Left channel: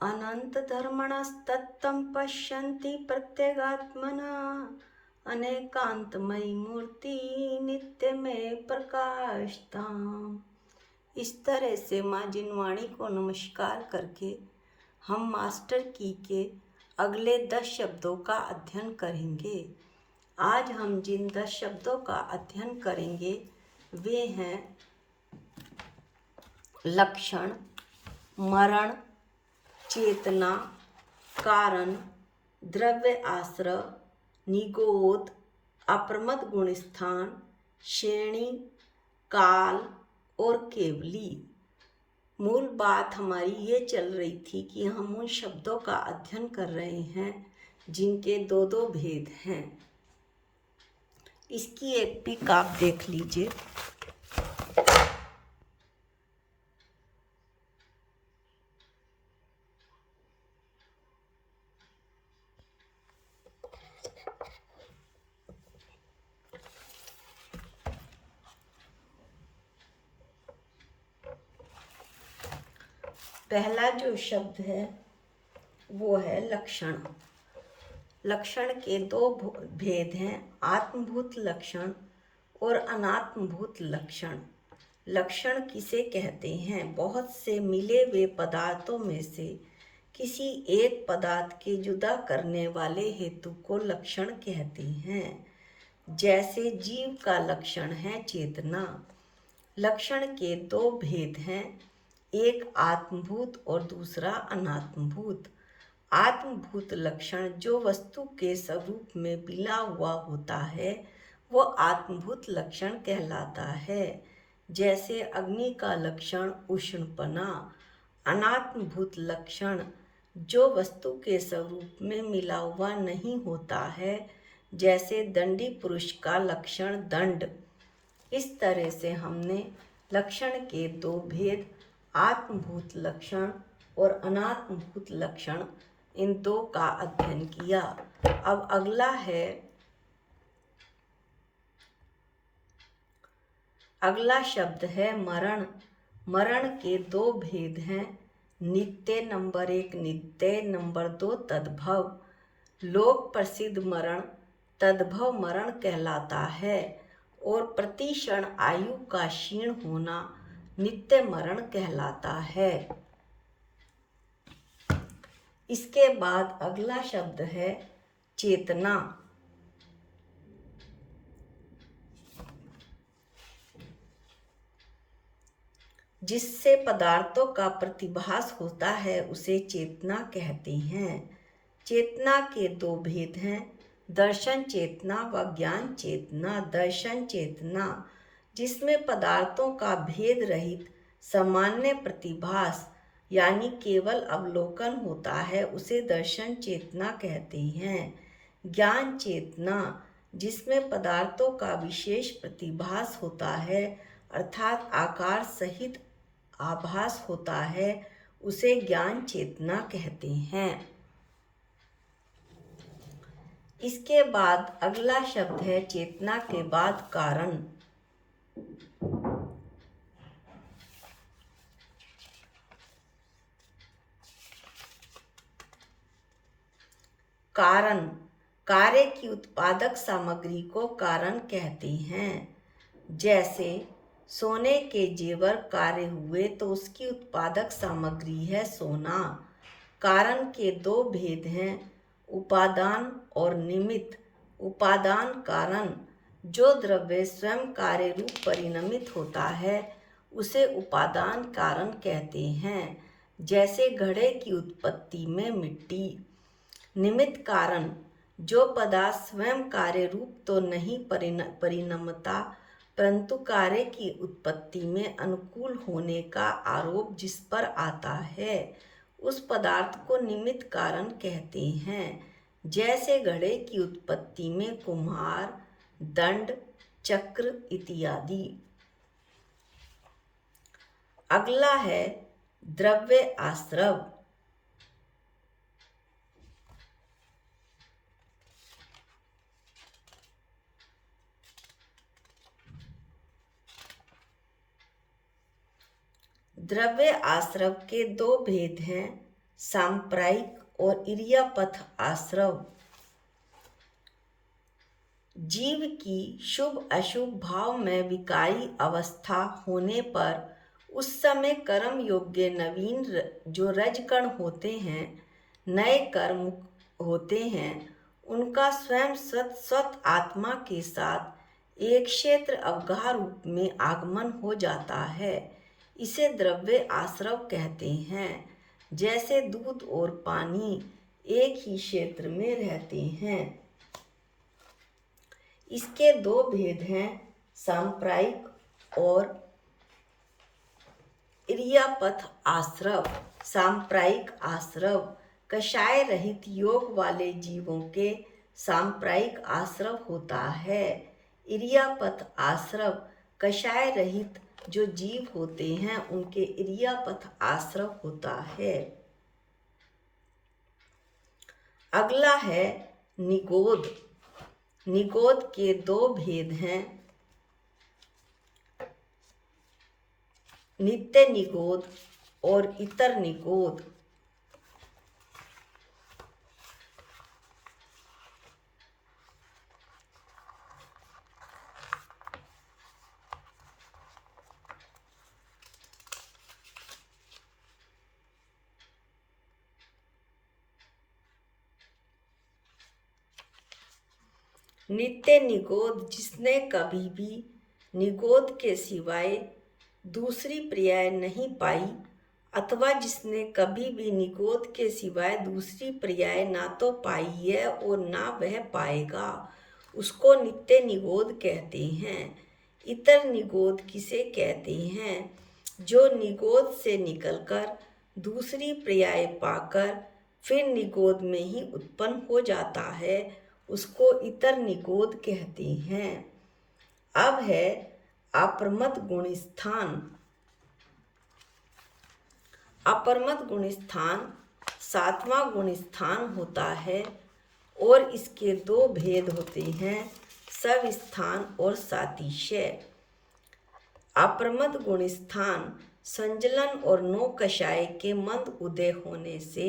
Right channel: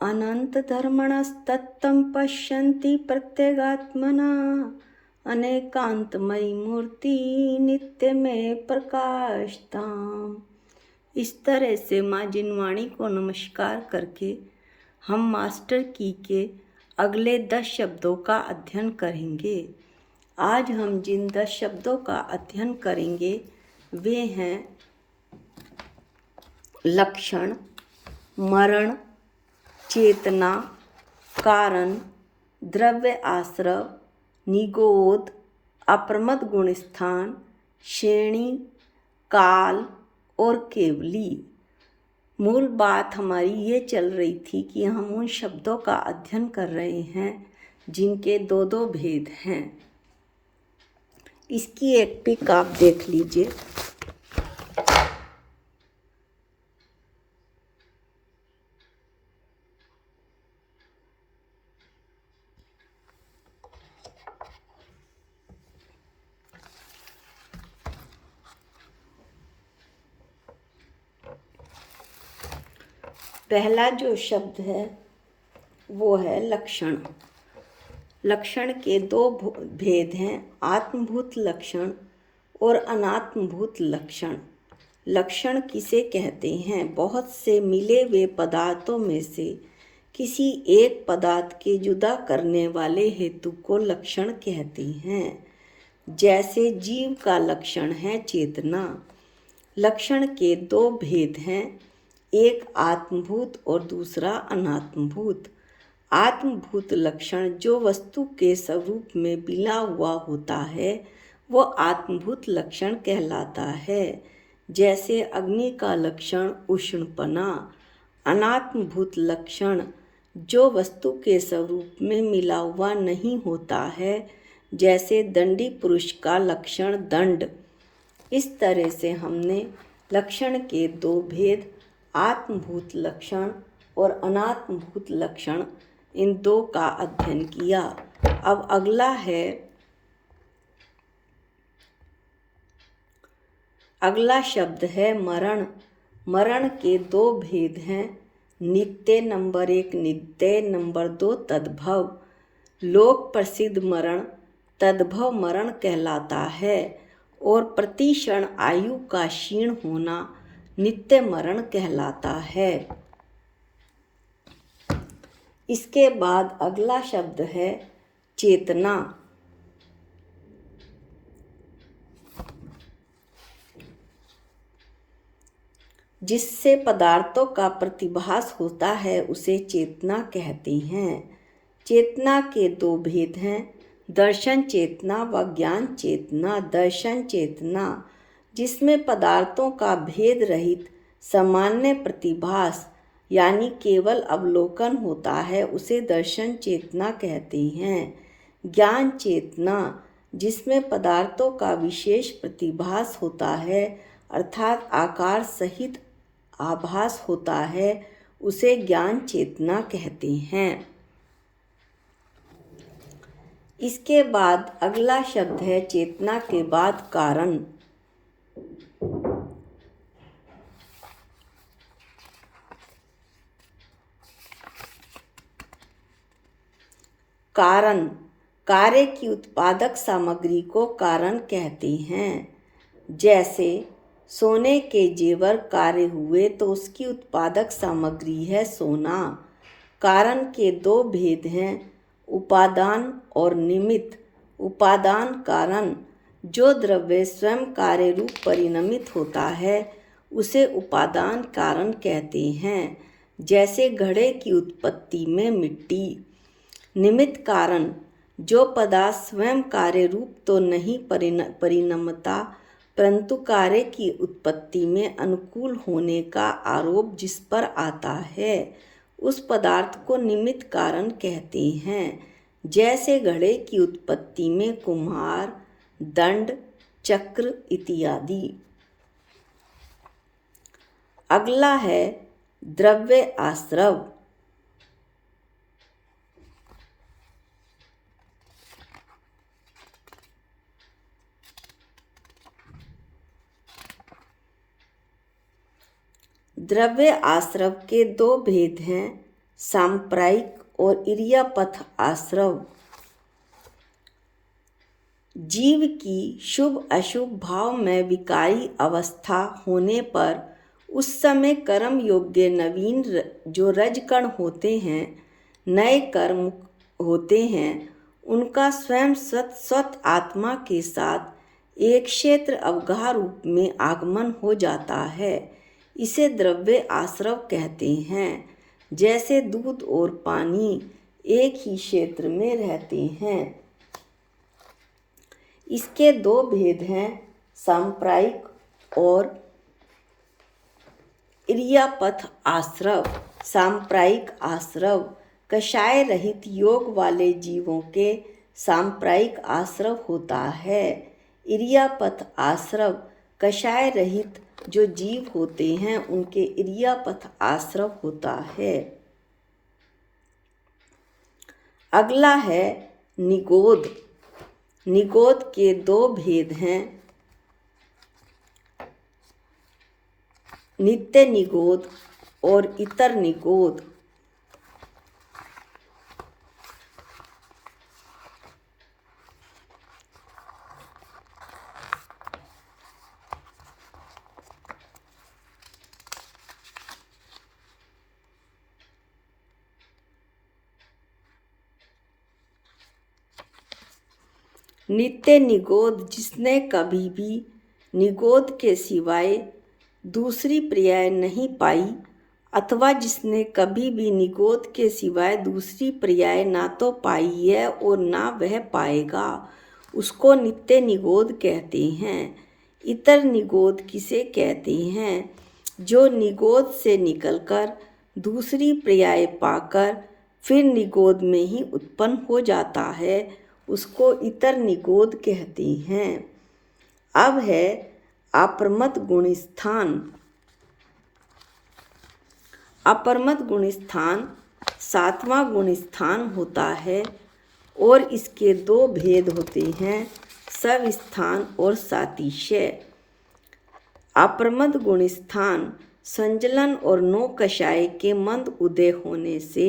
अनंत धर्मणस्तत्तं पश्यन्ति प्रत्यगात्मना अनेकांतमयी मूर्ति नित्य में प्रकाशताम। इस तरह से माँ जिनवाणी को नमस्कार करके हम मास्टर की के अगले 10 शब्दों का अध्ययन करेंगे। आज हम जिन 10 शब्दों का अध्ययन करेंगे वे हैं लक्षण, मरण, चेतना, कारण, द्रव्य आश्रव, निगोद, अप्रमद गुणस्थान, श्रेणी, काल और केवली। मूल बात हमारी ये चल रही थी कि हम उन शब्दों का अध्ययन कर रहे हैं जिनके दो दो भेद हैं। इसकी एक पिक आप देख लीजिए। पहला जो शब्द है वो है लक्षण। लक्षण के दो भेद हैं, आत्मभूत लक्षण और अनात्मभूत लक्षण। लक्षण किसे कहते हैं? बहुत से मिले हुए पदार्थों में से किसी एक पदार्थ के जुदा करने वाले हेतु को लक्षण कहते हैं। जैसे जीव का लक्षण है चेतना। लक्षण के दो भेद हैं, एक आत्मभूत और दूसरा अनात्मभूत। आत्मभूत लक्षण जो वस्तु के स्वरूप में मिला हुआ होता है वो आत्मभूत लक्षण कहलाता है। जैसे अग्नि का लक्षण उष्णपना। अनात्मभूत लक्षण जो वस्तु के स्वरूप में मिला हुआ नहीं होता है, जैसे दंडी पुरुष का लक्षण दंड। इस तरह से हमने लक्षण के दो भेद, आत्मभूत लक्षण और अनात्मभूत लक्षण, इन दो का अध्ययन किया। अब अगला शब्द है मरण। मरण के दो भेद हैं, नित्य नंबर 1 नित्य, नंबर 2 तद्भव। लोक प्रसिद्ध मरण तद्भव मरण कहलाता है और प्रति क्षण आयु का क्षीण होना नित्य मरण कहलाता है। इसके बाद अगला शब्द है चेतना। जिससे पदार्थों का प्रतिभास होता है उसे चेतना कहते हैं। चेतना के दो भेद हैं, दर्शन चेतना व ज्ञान चेतना। दर्शन चेतना जिसमें पदार्थों का भेद रहित सामान्य प्रतिभास यानी केवल अवलोकन होता है उसे दर्शन चेतना कहते हैं। ज्ञान चेतना जिसमें पदार्थों का विशेष प्रतिभास होता है अर्थात आकार सहित आभास होता है उसे ज्ञान चेतना कहते हैं। इसके बाद अगला शब्द है चेतना के बाद कारण। कारण कार्य की उत्पादक सामग्री को कारण कहते हैं। जैसे सोने के जेवर कार्य हुए तो उसकी उत्पादक सामग्री है सोना। कारण के दो भेद हैं, उपादान और निमित्त। उपादान कारण जो द्रव्य स्वयं कार्य रूप परिणमित होता है उसे उपादान कारण कहते हैं। जैसे घड़े की उत्पत्ति में मिट्टी। निमित्त कारण जो पदार्थ स्वयं कार्य रूप तो नहीं परिणमता परंतु कार्य की उत्पत्ति में अनुकूल होने का आरोप जिस पर आता है उस पदार्थ को निमित्त कारण कहते हैं। जैसे घड़े की उत्पत्ति में कुम्हार, दंड, चक्र इत्यादि। अगला है द्रव्य आश्रव। द्रव्य आश्रव के दो भेद हैं, सांप्रायिक और इरियापथ आश्रव। जीव की शुभ अशुभ भाव में विकारी अवस्था होने पर उस समय कर्म योग्य नवीन जो रजकण होते हैं, नए कर्म होते हैं, उनका स्वयं स्वत आत्मा के साथ एक क्षेत्र अवगाह रूप में आगमन हो जाता है। इसे द्रव्य आश्रव कहते हैं। जैसे दूध और पानी एक ही क्षेत्र में रहते हैं। इसके दो भेद हैं, सांप्रायिक और इरियापथ आश्रव। सांप्रायिक आश्रव कषाय रहित योग वाले जीवों के सांप्रायिक आश्रव होता है। इरियापथ आश्रव कषाय रहित जो जीव होते हैं उनके इरियापथ आश्रव होता है। अगला है निगोद। निगोद के दो भेद हैं, नित्य निगोद और इतर निगोद। नित्य निगोद जिसने कभी भी निगोद के सिवाय दूसरी पर्याय नहीं पाई, अथवा जिसने कभी भी निगोद के सिवाय दूसरी पर्याय ना तो पाई है और ना वह पाएगा, उसको नित्य निगोद कहते हैं। इतर निगोद किसे कहते हैं? जो निगोद से निकलकर दूसरी पर्याय पाकर फिर निगोद में ही उत्पन्न हो जाता है, उसको इतर निगोद कहते हैं। अब है अप्रमद गुणस्थान। अप्रमद गुणस्थान सातवां गुणस्थान होता है और इसके दो भेद होते हैं, सविस्थान और सातिशय। अप्रमद गुणस्थान संजलन और नो कषाय के मंद उदय होने से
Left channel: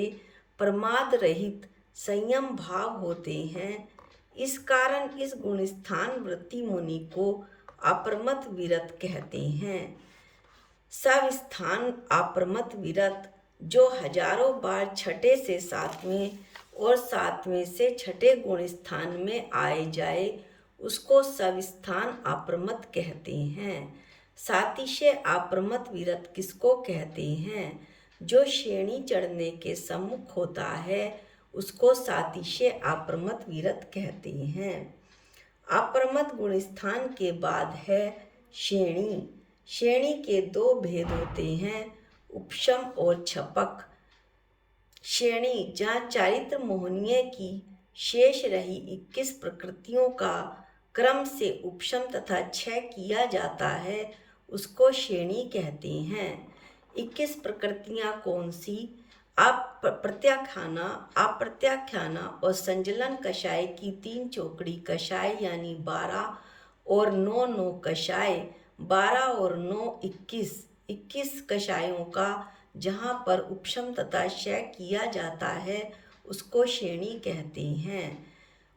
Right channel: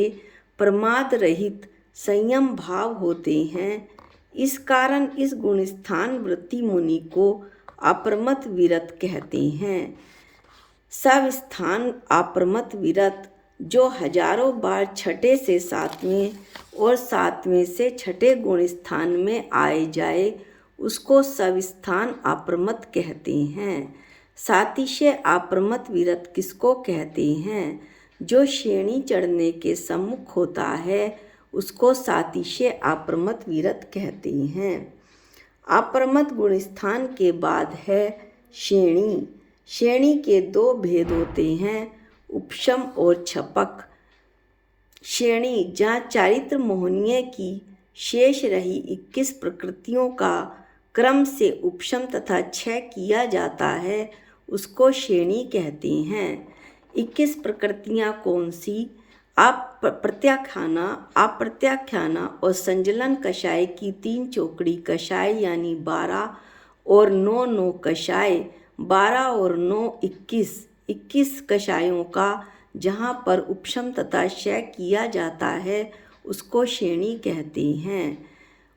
प्रमाद रहित संयम भाव होते हैं। इस कारण इस गुणस्थान वृत्ति मुनि को अप्रमद विरत कहते हैं। सविस्थान अप्रमद विरत जो हजारों बार छठे से सातवें और सातवें से छठे गुणस्थान में आए जाए, उसको सविस्थान अप्रमद कहते हैं। सातिशय अप्रमद विरत किसको कहते हैं? जो श्रेणी चढ़ने के सम्मुख होता है, उसको सातिशय अप्रमद विरत कहते हैं। अप्रमद गुणस्थान के बाद है श्रेणी। श्रेणी के दो भेद होते हैं, उपशम और छपक। श्रेणी जहाँ चारित्र मोहनीय की शेष रही 21 प्रकृतियों का क्रम से उपशम तथा क्षय किया जाता है, उसको श्रेणी कहते हैं। 21 प्रकृतियाँ कौन सी? प्रत्याख्याना, अप्रत्याख्याना और संजलन कषाय की 3 चौकड़ी कषाय यानी 12 और 9 कषाय 12 और 9 21 कषायों का जहाँ पर उपशम तथा क्षय किया जाता है, उसको श्रेणी कहते हैं।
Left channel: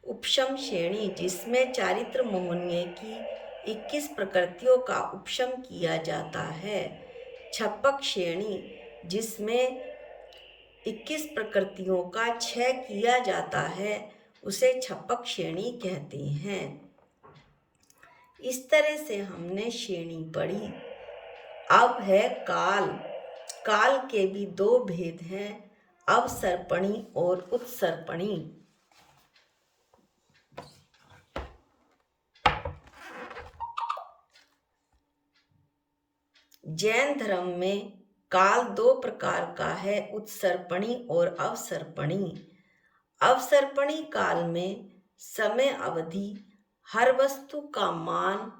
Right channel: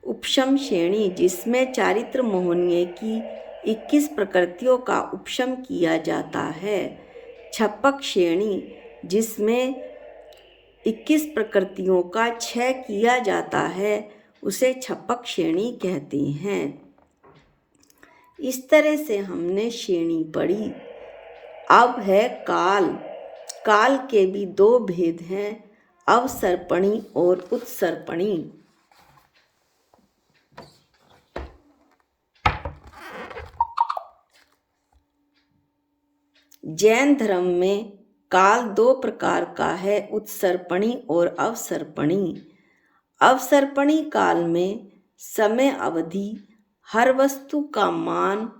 उपशम श्रेणी जिसमें चारित्र मोहनीय की 21 प्रकृतियों का उपशम किया जाता है। छपक श्रेणी जिसमें 21 प्रकृतियों का क्षय किया जाता है, उसे छपक श्रेणी कहते हैं। इस तरह से हमने श्रेणी पढ़ी। अब है काल। काल के भी दो भेद हैं, अवसर्पणी और उत्सर्पणी। जैन धर्म में काल दो प्रकार का है, उत्सर्पणी और अवसर्पणी। अवसर्पणी काल में समय अवधि, हर वस्तु का मान,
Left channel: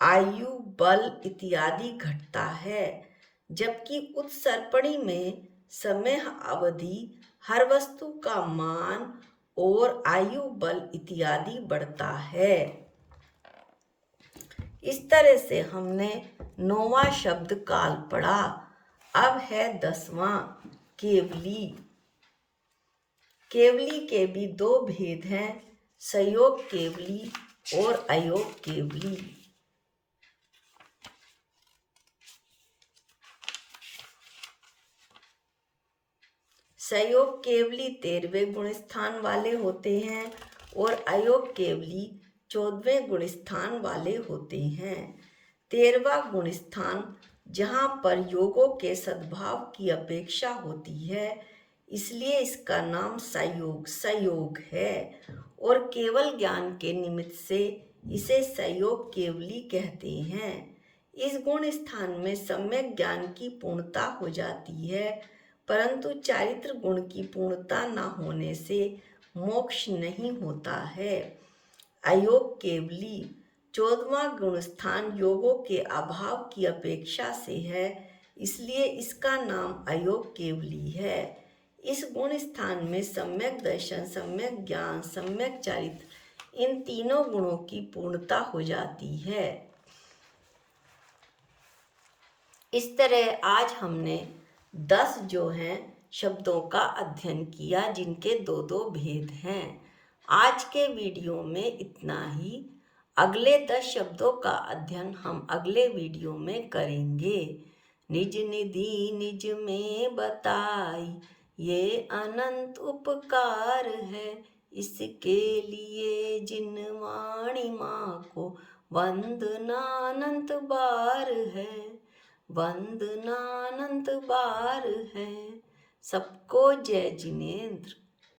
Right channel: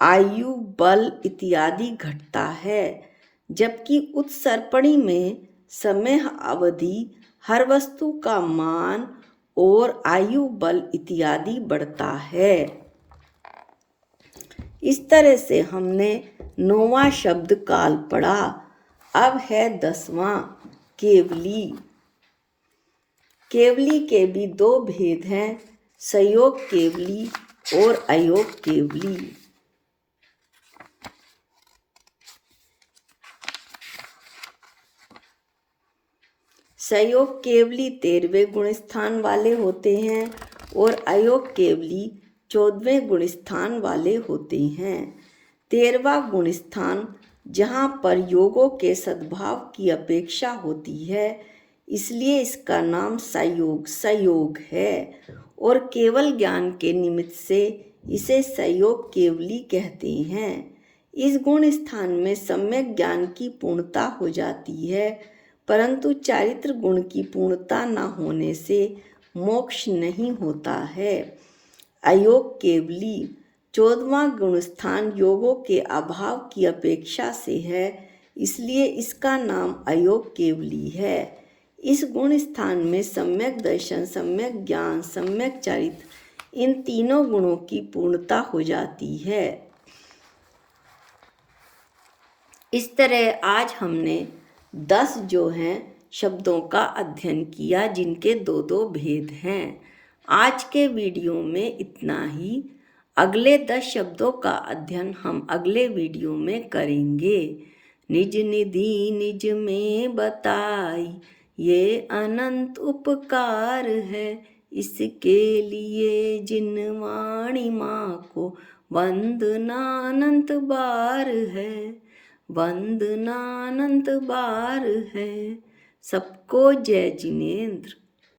आयु, बल इत्यादि घटता है, जबकि उत्सर्पणी में समय अवधि, हर वस्तु का मान और आयु, बल इत्यादि बढ़ता है। इस तरह से हमने 9वां शब्द काल पढ़ा। अब है 10वां केवली। केवली के भी दो भेद हैं, संयोग केवली और अयोग केवली। संयोग केवली 13वें गुण स्थान वाले होते हैं और अयोग केवली 14वें गुण स्थान वाले होते हैं। 13वां गुण स्थान जहाँ पर योगों के सद्भाव की अपेक्षा होती है, इसलिए इसका नाम संयोग है और केवल ज्ञान के निमित्त से इसे संयोग केवली कहते हैं। इस गुण स्थान में सम्यक ज्ञान की पूर्णता हो जाती है, परंतु चारित्र गुण की पूर्णता न होने से मोक्ष नहीं होता है। अयोग केवली 14वां गुण स्थान योगों के अभाव की अपेक्षा से है, इसलिए इसका नाम अयोग केवली है। इस गुण स्थान में सम्यक दर्शन, सम्यक ज्ञान, सम्यक चारित्र, इन तीनों गुणों की पूर्णता हो जाती है। इस तरह आज हमने 10 जो हैं शब्दों का अध्ययन किया, जिनके दो दो भेद हैं। आज के वीडियो में इतना ही। अगले 10 शब्दों का अध्ययन हम अगले वीडियो में करेंगे। निज निधि निज में बताई, ये अनंत उपकार है, इसके लिए जिन वाणी माँ को वंदना अनंत बार है, वंदना अनंत बार है। सबको जय जिनेंद्र।